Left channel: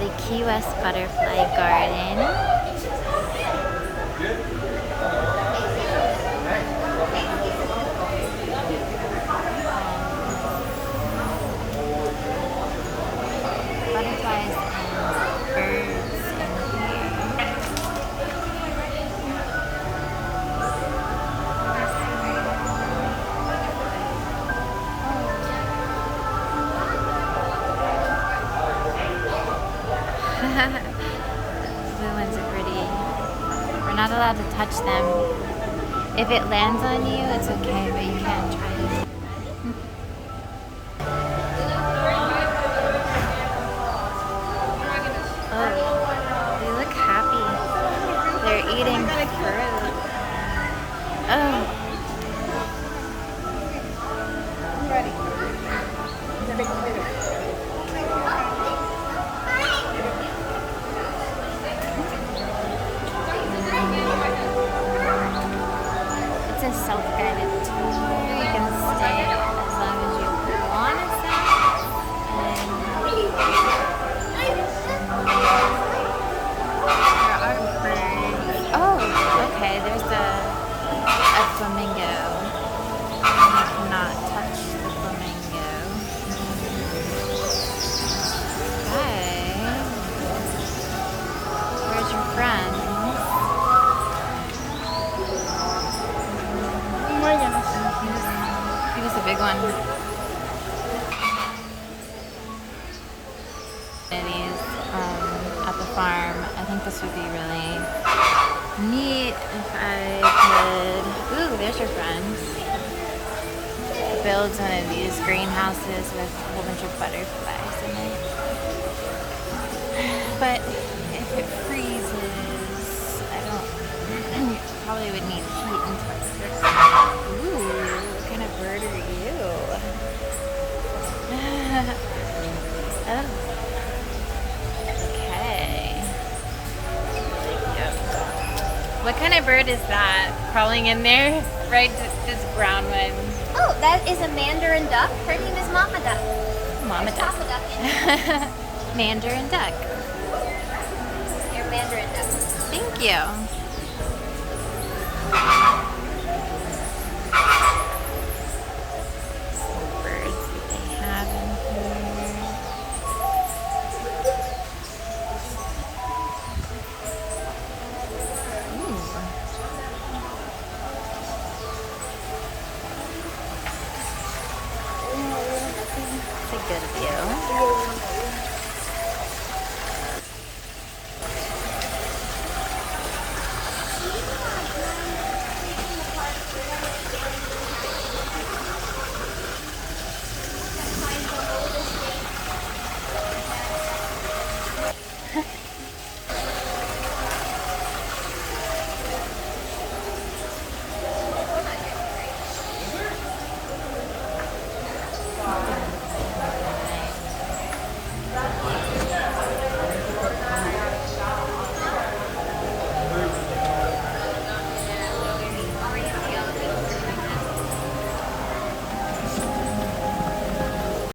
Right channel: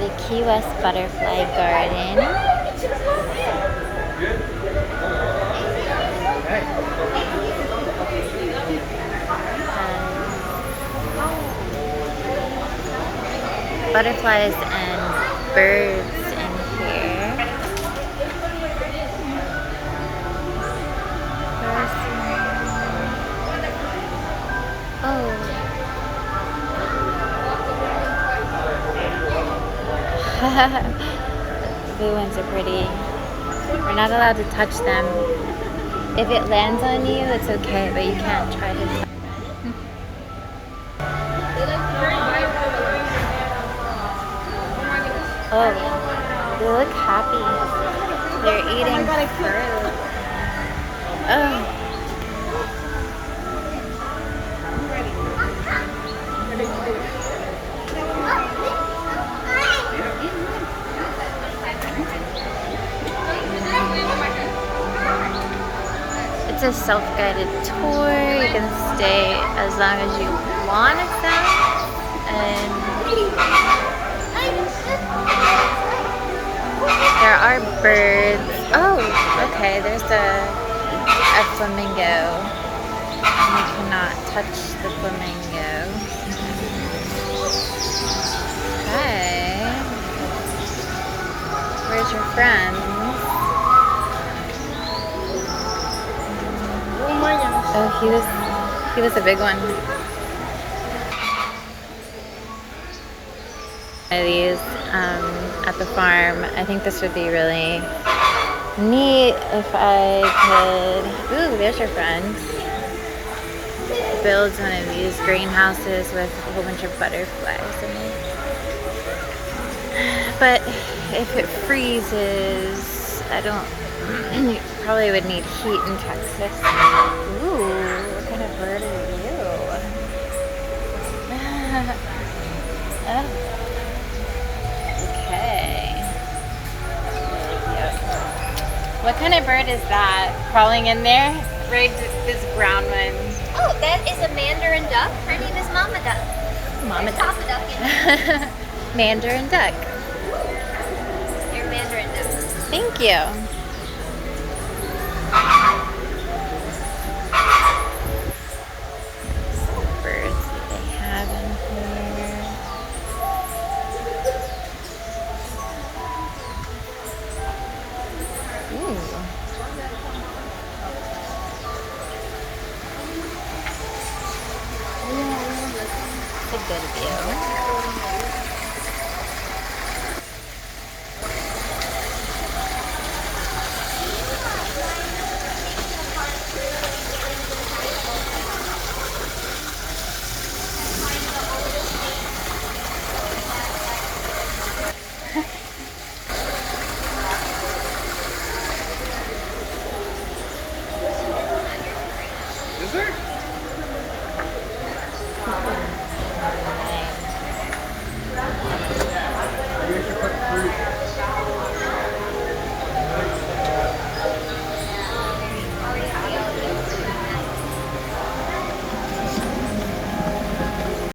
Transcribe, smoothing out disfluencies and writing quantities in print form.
the Key West Butterfly Garden. Butterflies and birds in here. Oh. The blue ones are pretty. We're not allowed to touch them. If it lands on you, it's okay, but you can't try to touch. Oh, they look happy. They're eating fruit. Oh. I'm ready. It's a self-guided tour. You can stay as long as you want to stay. And there are birds. Oh, okay. There's a flamingo. You cannot touch the flamingo. Okay. Where's your friend? Oh, he was a big one. One of these at the farm. I think this would be really neat if I could. Ooh, there's your friend. Builds one of these greenhouses with a whole bunch of butterflies in it. But if it freezes, I don't. Probably would need heat in Texas. Ooh, what kind of bird are you? Oh. Okay. Really cute. What kind of bird is that crawling in there? Right, this brown one. Oh, that is a mandarin duck. Her name is Mama Duck. Mama duck. Papa Duck. Mandarin duck. Your mandarin duck. Thank you. Some birds that they have in here. Ooh. It's a good view.